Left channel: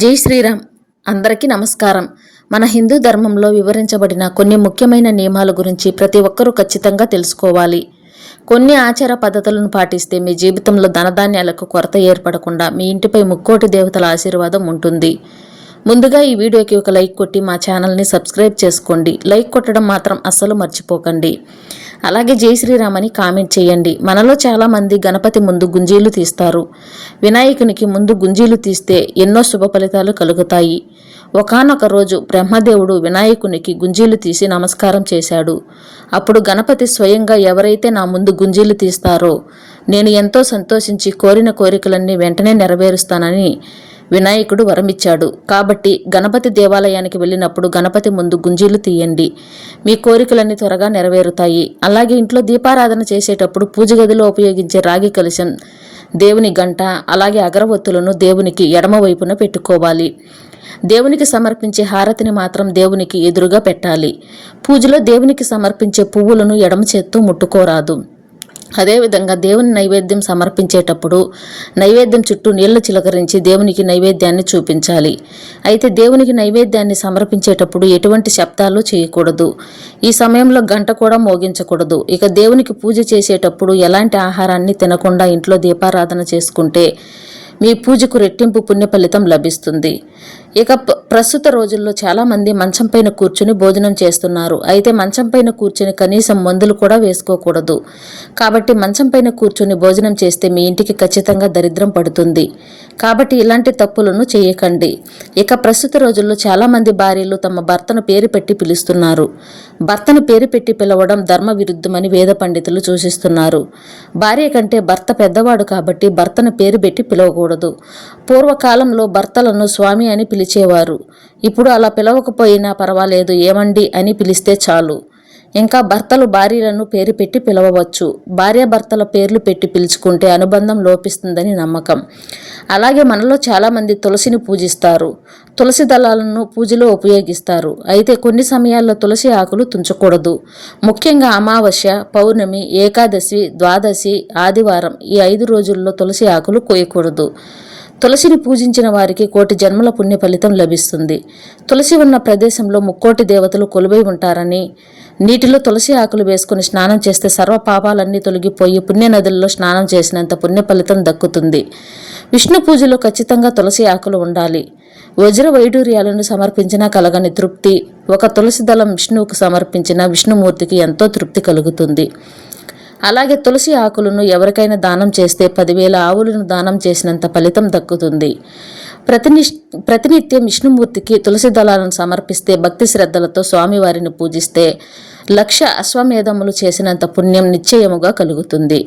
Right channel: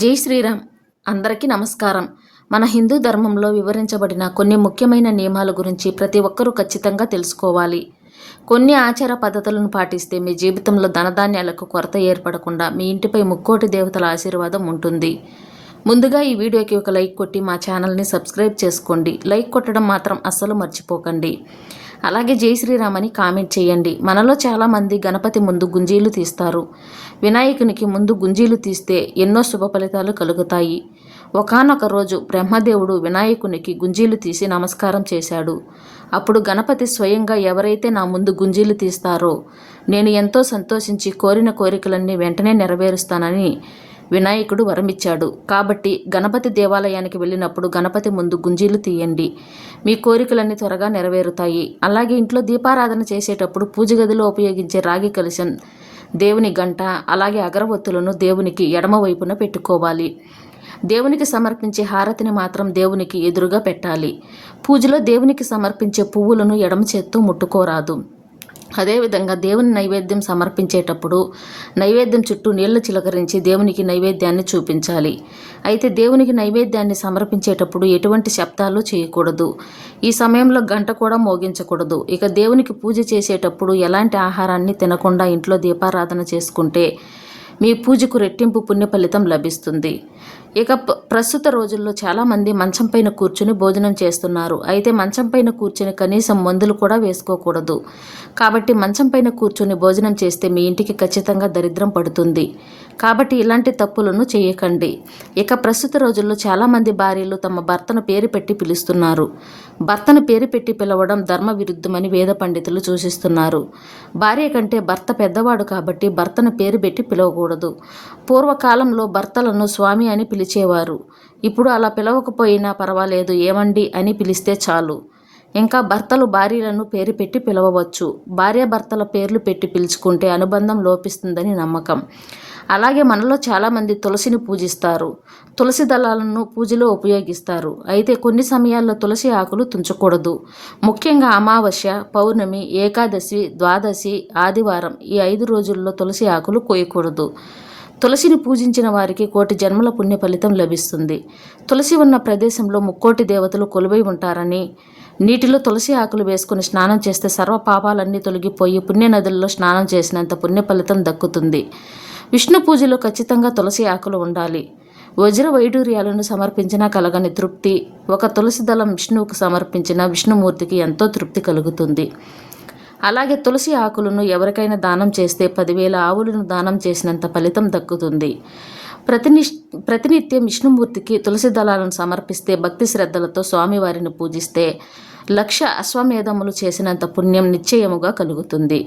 జై శ్రీరామ్. అందరికీ నమస్కారం. మన హిందూ ధర్మంలో వివరించబడిన కొన్ని ముఖ్యమైన నియమాల గురించి ప్రతి ఒక్కరూ ఖచ్చితంగా తెలుసుకోవాలి. కొన్ని ఆచార పద్ధతులను పాటిస్తే మీ జీవితంలో ధనధాన్యాలకు కొరత ఏర్పడకుండా మీ ఇంటిపై ముక్కోటి దేవతల ఆశీర్వాదం ఉంటుంది. ముందుగా ఈ వీడియోకి ఒక లైక్ కొట్టి మా ఛానల్ని సబ్స్క్రైబ్ చేసుకోండి. లైక్ కొట్టడం మాత్రం అస్సలు మర్చిపోకండి. అలాగే జై శ్రీరామ్ అని కామెంట్ చేయండి. మనలో చాలామంది గణపతి ముందు గుంజీలు తీస్తారు. వినాయకునికి ముందు గుంజీలు తీస్తే ఎన్నో శుభ ఫలితాలు కలుగుతాయి. ఒకానొక రోజు బ్రహ్మదేవుడు వినాయకునికి గుంజీలు తీసి నమస్కారం చేశాడు. అప్పుడు గణపతి స్వయంగా ఎవరైతే నా ముందు గుంజీలు తీస్తారో నేను ఎంతో సంతోషించి కోరిన కోరికలన్నీ వెంటనే నెరవేరుస్తానని వినాయకుడు వరమిచ్చాడు. కాబట్టి గణపతి దేవాలయానికి వెళ్ళినప్పుడు గణపతి ముందు గుంజీలు తీయండి. మీ కోరికలన్నీ త్వరగా నెరవేరుతాయి. అలాగే ఇంట్లో దీపారాధన చేసేటప్పుడు పూజ గదిలో ఉపయోగించే రాగి కలశం, దేవుని గంట, అలాగే అగరవత్తులను దేవునికి ఎడమ వైపున పెట్టుకోవాలి. దేవునికి సమర్పించే హారతిని మాత్రం దేవునికి ఎదురుగా పెట్టాలి. పూజలో దేవునికి సమర్పించే పువ్వులను ఎడమ చేత్తో ముట్టుకోరాదు. అదేవిధంగా దేవుని నైవేద్యం సమర్పించేటప్పుడు నైవేద్యం చుట్టూ నీళ్లు చిలకరించి దేవునికి నైవేద్యాన్ని చూపించాలి. అయితే దేవునికి నైవేద్యాన్ని సమర్పించేటప్పుడు ఎటువంటి శబ్దాలు చేయకూడదు. ఈ సమయంలో గంట కూడా మోగించకూడదు. ఇక దేవునికి పూజ చేసేటప్పుడు ఎలాంటి ఆహారాన్ని తినకుండా ఇంట్లో దీపారాధన చేసుకుంటే మీ పూజకు రెట్టింపు పుణ్య ఫలితం లభిస్తుంది. ఇక ప్రస్తుత రోజుల్లో చాలామంది మంచం పైన కూర్చుని భోజనం చేస్తున్నారు. అయితే మంచం పైన కూర్చుని కనీసం మందులు కూడా వేసుకోకూడదు. కాబట్టి మంచం పైన కూర్చుని భోజనం చేస్తే మీ ఇంటికి ఖచ్చితంగా దరిద్రం పడుతుంది. కాబట్టి ఇలాంటి తప్పులను చేయకండి. ఇక ప్రస్తుత రోజుల్లో చాలామంది భార్యలు తమ భర్తను పేరు పెట్టి పిలుస్తున్నారు. భర్తను పేరు పెట్టి పిలవడం ధర్మ విరుద్ధమని వేద పండితులు సూచిస్తున్నారు. భార్య కంటే భర్త పెద్దవాడు కాబట్టి భర్తను పేరు పెట్టి పిలవకూడదు. పూర్వకాలంలో భర్తలను స్వామి అని పిలిచేవారు. ఇప్పుడు అలా పిలవకపోయినా పర్వాలేదు, ఏమండి అని పిలిస్తే చాలు. ఇంకా భర్తలు భార్యలను పేరు పెట్టి పిలవవచ్చు. భార్యాభర్తల పేర్లు పెట్టి పిలుచుకుంటే అనుబంధం లోపిస్తుందని నమ్మకం. అలాగే మనలో చాలామంది తులసిని పూజిస్తారు. తులసి దళాలను పూజలో ఉపయోగిస్తారు. అయితే కొన్ని సమయాల్లో తులసి ఆకులు తుంచకూడదు. ముఖ్యంగా అమావాస్య, పౌర్ణమి, ఏకాదశి, ద్వాదశి, ఆదివారం ఈ 5 రోజుల్లో తులసి ఆకులు కోయకూడదు. తులసిని పూజించిన వారికి కోటి జన్మల పుణ్య ఫలితం లభిస్తుంది. తులసి ఉన్న ప్రదేశంలో ముక్కోటి దేవతలు కొలువై ఉంటారని, నీటిలో తులసి ఆకులు వేసుకుని స్నానం చేస్తే సర్వ పాపాలన్నీ తొలగిపోయి పుణ్య నదుల్లో స్నానం చేసినంత పుణ్య ఫలితం దక్కుతుంది. విష్ణు పూజలో ఖచ్చితంగా తులసి ఆకులు ఉండాలి. వజ్ర వైడూర్యాలను సమర్పించినా కలగని తృప్తి ఒక తులసి దళం విష్ణువుకు సమర్పించిన విష్ణుమూర్తికి ఎంతో తృప్తి కలుగుతుంది. అలాగే తులసి ఆకులను ఎవరికైనా దానం చేస్తే 10,000 ఆవులను దానం చేసినంత ఫలితం దక్కుతుంది. ప్రతినిత్యం విష్ణుమూర్తికి తులసి దళాలను సమర్పిస్తే భక్తి శ్రద్ధలతో స్వామివారిని పూజిస్తే 1,00,000 అశ్వమేధములు చేసినంత పుణ్యం నిశ్చయముగా కలుగుతుంది.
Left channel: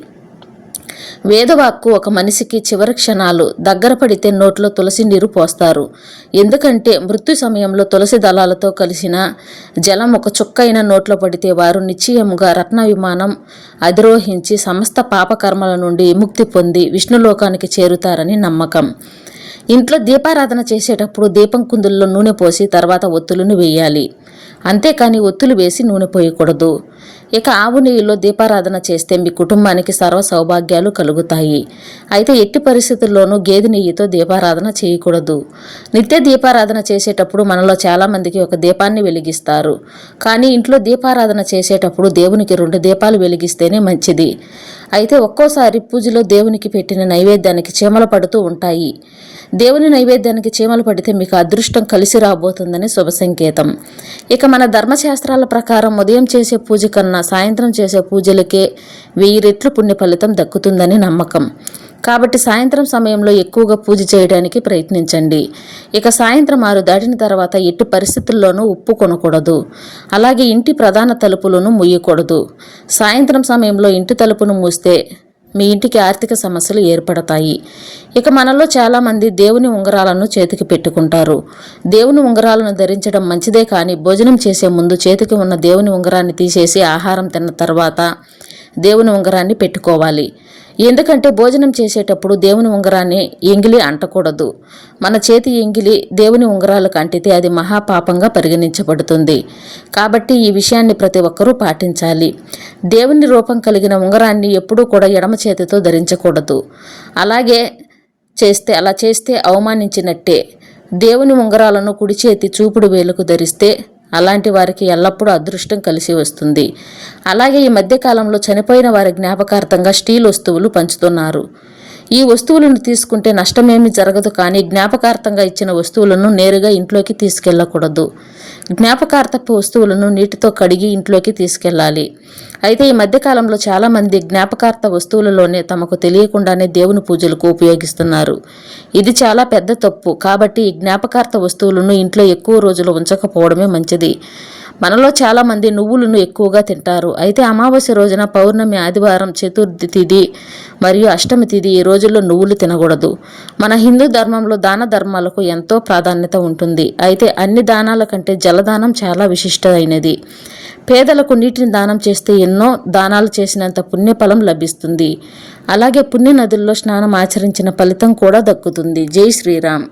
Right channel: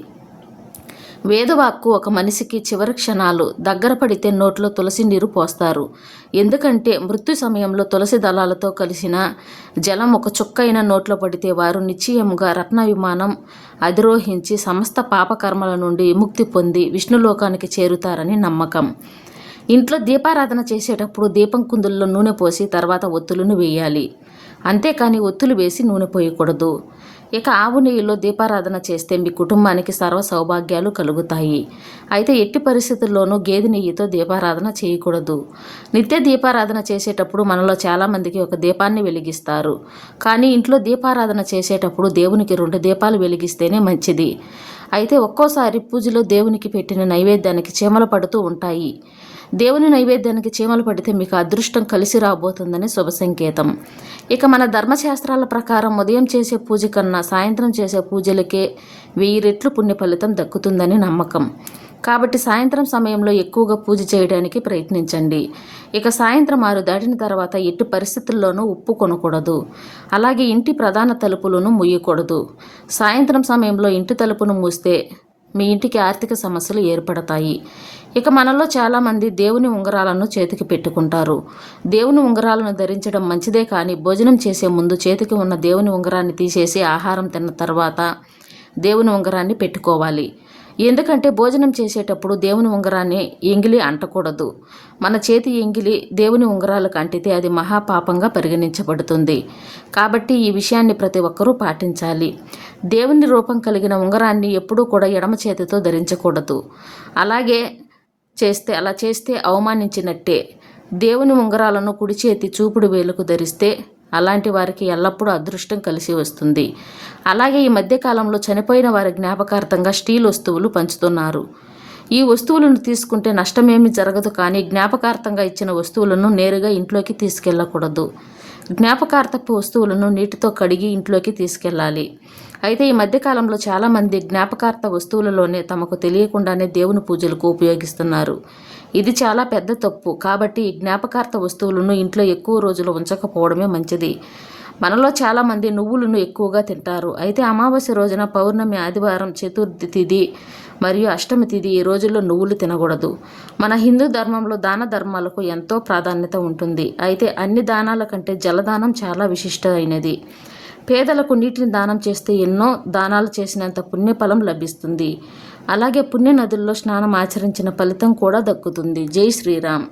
వేదవాక్కు ఒక మనిషికి చివరి క్షణాలు దగ్గర పడితే నోట్లో తులసి నీరు పోస్తారు. ఎందుకంటే మృత్యు సమయంలో తులసి దళాలతో కలిసిన జలం ఒక చుక్కైన నోట్లో పడితే వారు నిశ్చయముగా రత్న విమానం అధిరోహించి సమస్త పాపకర్మల నుండి విముక్తి పొంది విష్ణులోకానికి చేరుతారని నమ్మకం. ఇంట్లో దీపారాధన చేసేటప్పుడు దీపం కుందుల్లో నూనె పోసి తర్వాత ఒత్తులను వేయాలి. అంతేకాని ఒత్తులు వేసి నూనె పోయకూడదు. ఇక ఆవు నెయ్యిలో దీపారాధన చేస్తే మీ కుటుంబానికి సర్వ సౌభాగ్యాలు కలుగుతాయి. అయితే ఎట్టి పరిస్థితుల్లోనూ గేదె నెయ్యితో దీపారాధన చేయకూడదు. నిత్య దీపారాధన చేసేటప్పుడు మనలో చాలామందికి ఒక దీపాన్ని వెలిగిస్తారు. కానీ ఇంట్లో దీపారాధన చేసేటప్పుడు దేవునికి 2 దీపాలు వెలిగిస్తేనే మంచిది. అయితే ఒక్కోసారి పూజలో దేవునికి పెట్టిన నైవేద్యానికి చీమలు పడుతూ ఉంటాయి. దేవుని నైవేద్యానికి చీమలు పడితే మీకు అదృష్టం కలిసి రాబోతుందని శుభ సంకేతం. ఇక మన ధర్మశాస్త్రాల ప్రకారం ఉదయం చేసే పూజ కన్నా సాయంత్రం చేసే పూజలకే 1000 రెట్లు పుణ్య ఫలితం దక్కుతుందని నమ్మకం. కాబట్టి సాయంత్రం సమయంలో ఎక్కువగా పూజ చేయడానికి ప్రయత్నించండి. ఇక సాయంత్రం 6 దాటిన తర్వాత ఎట్టి పరిస్థితుల్లోనూ ఉప్పు కొనకూడదు. అలాగే ఇంటి ప్రధాన తలుపులను మూయకూడదు. సాయంత్రం సమయంలో ఇంటి తలుపును మూస్తే మీ ఇంటికి ఆర్థిక సమస్యలు ఏర్పడతాయి. ఇక మనలో చాలామంది దేవుని ఉంగరాలను చేతికి పెట్టుకుంటారు. దేవుని ఉంగరాలను ధరించడం మంచిదే, కానీ భోజనం చేసే ముందు చేతికి ఉన్న దేవుని ఉంగరాన్ని తీసేసి ఆహారం తిన్న తర్వాత దేవుని ఉంగరాన్ని పెట్టుకోవాలి. ఎందుకంటే భోజనం చేసేటప్పుడు దేవుని ఉంగరాన్ని ఎంగిలి అంటకూడదు. మన చేతి ఎంగిలి దేవుని ఉంగరాలకు అంటితే అది మహాపాపంగా పరిగణించబడుతుంది. కాబట్టి ఈ విషయాన్ని ప్రతి ఒక్కరూ పాటించాలి. దేవుని రూపం కలిగిన ఉంగరాన్ని ఎప్పుడూ కూడా ఎడమ చేతితో ధరించకూడదు. అలా చేస్తే అవమానించినట్టే. దేవుని ఉంగరాలను కుడి చేతి చూపుడు వేలుకు ధరిస్తే అలాంటి వారికి ఎల్లప్పుడూ అదృష్టం కలిసి వస్తుంది. అలాగే ఈ మధ్యకాలంలో చనిపోయిన వారి జ్ఞాపకార్థంగా స్టీల్ వస్తువులు పంచుతున్నారు. ఈ వస్తువులను తీసుకుంటే నష్టమేమీ జరగదు, కానీ జ్ఞాపకార్థంగా ఇచ్చిన వస్తువులను నేరుగా ఇంట్లోకి తీసుకెళ్ళకూడదు. జ్ఞాపకార్థపు వస్తువులను నీటితో కడిగి ఇంట్లోకి తీసుకెళ్ళాలి. అయితే ఈ మధ్యకాలంలో చాలామంది జ్ఞాపకార్థ వస్తువులలోనే తమకు తెలియకుండానే దేవుని పూజలకు ఉపయోగిస్తున్నారు. ఇది చాలా పెద్ద తప్పు. కాబట్టి ఈ జ్ఞాపకార్థ వస్తువులను ఇంట్లో ఎక్కువ రోజులు ఉంచకపోవడమే మంచిది. మనలో చాలామంది నువ్వులను ఎక్కువగా తింటారు. అయితే అమావాస్య రోజున, పౌర్ణమి, ఆదివారం, చతుర్థి తిథి మరియు అష్టమి తిథి ఈ రోజుల్లో నువ్వులు తినకూడదు. మన హిందూ ధర్మంలో దాన ధర్మాలకు ఎంతో ప్రాధాన్యత ఉంటుంది. అయితే అన్ని దానాల కంటే జలదానం చాలా విశిష్టమైనది. పేదలకు నీటిని దానం చేస్తే ఎన్నో దానాలు చేసినంత పుణ్యఫలం లభిస్తుంది. అలాగే పుణ్య నదుల్లో స్నానం ఆచరించిన ఫలితం కూడా దక్కుతుంది. జై శ్రీరామ్.